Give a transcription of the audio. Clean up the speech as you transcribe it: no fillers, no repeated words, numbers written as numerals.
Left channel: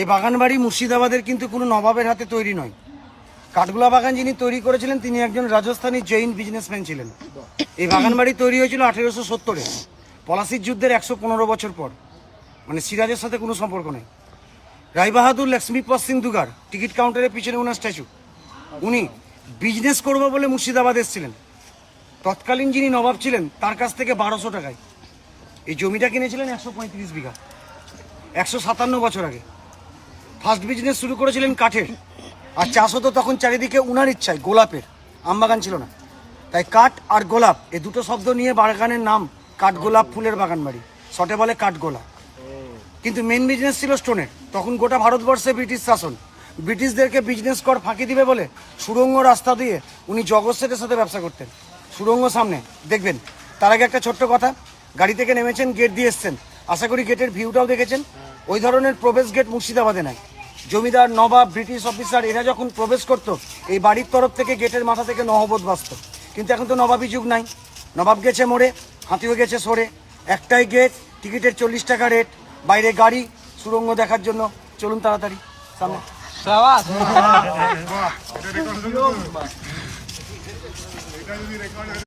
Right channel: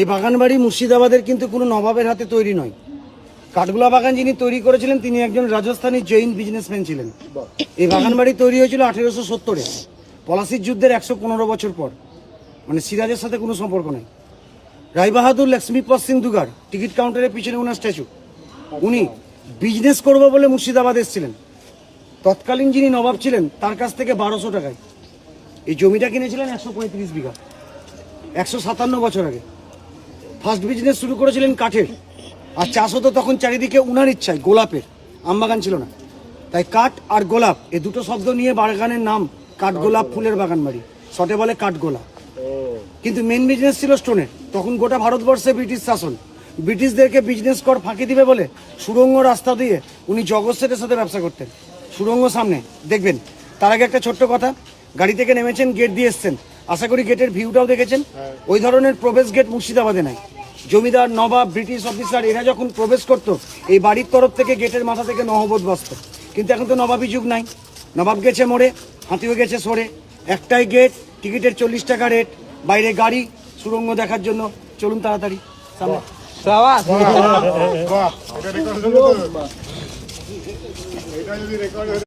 এই বাগান বাড়ি মুর্শিদাবাদের কিন্তু কোনো নবাবের হাতে তৈরি নয়। কাঠগোলা বাগান যিনি তৈরি করেছিলেন তিনি একজন রাজস্থানী জৈন বিজনেসম্যান ছিলেন। এই বাগান বাড়ি তৈরি হয়েছিল 1870-এ, পলাশির যুদ্ধের 115 বছর পর। মানে সিরাজের সাথে কোনো সম্পর্ক নেই। রায়বাহাদুর লক্ষ্মীপদ সিং দুগার টিকিট কাউন্টারের পিছনে ওনার স্ট্যাচু। উনি বিজনেস করবো বলে মুর্শিদাবাদ এসেছিলেন। তৎকালীন যিনি নবাব ছিলেন তার কাছ থেকে 1200 টাকায় এই জমিটা কিনেছিলেন 135 বিঘা, 157 বছর আগে। ফার্স্ট বিজনেস শুরু করেছিলেন কাঠের, আর চাষ হতো তখন চারিদিকে উনার ইচ্ছায় গোলাপের, আমবাগান ছিল না। তাই কাঠ আর গোলাপ এই দুটো শব্দ নিয়ে বাগানের নাম কাঠগোলাপ ফুলের বাগান বাড়ি, শর্টে বলে কাঠগোলাপ। কিন্তু মেন বিজনেস ছিল স্টোনের। তখন গোটা ভারতবর্ষে ব্রিটিশ শাসন, ব্রিটিশদেরকে বিজনেস কর ফাঁকি দিবে বলে সুড়ঙ্গ রাস্তা দিয়ে উনি জগৎ সেটের সাথে ব্যবসা করতেন। সুড়ঙ্গ সামনে দেখবেন। তার আগে একটা ছোট্ট কথা, গাড়ি থেকে নেমেছেন, গেট দিয়ে এসছেন, আশা করি গেটের ভিউটাও দেখেছেন। ওই ধরনের প্রবেশ গেট মুর্শিদাবাদে নাই। জমিদার, নবাব, ব্রিটিশ অফিসার এরা যখন প্রবেশ করত এই বাড়ির তরফ থেকে গেটের মাথা থেকে নহবত বাজত। কিন্তু এখন তো নবাবী যুগ নাই, নবাব গেছে মোড়ে, হাতিও গেছে সরে। একটাই গেট, টিকিটের 40 টাকা রেট, বাইরে গাড়ি, সুড়ঙ্গ দেখার জন্য। চলুন তাড়াতাড়ি সামনে।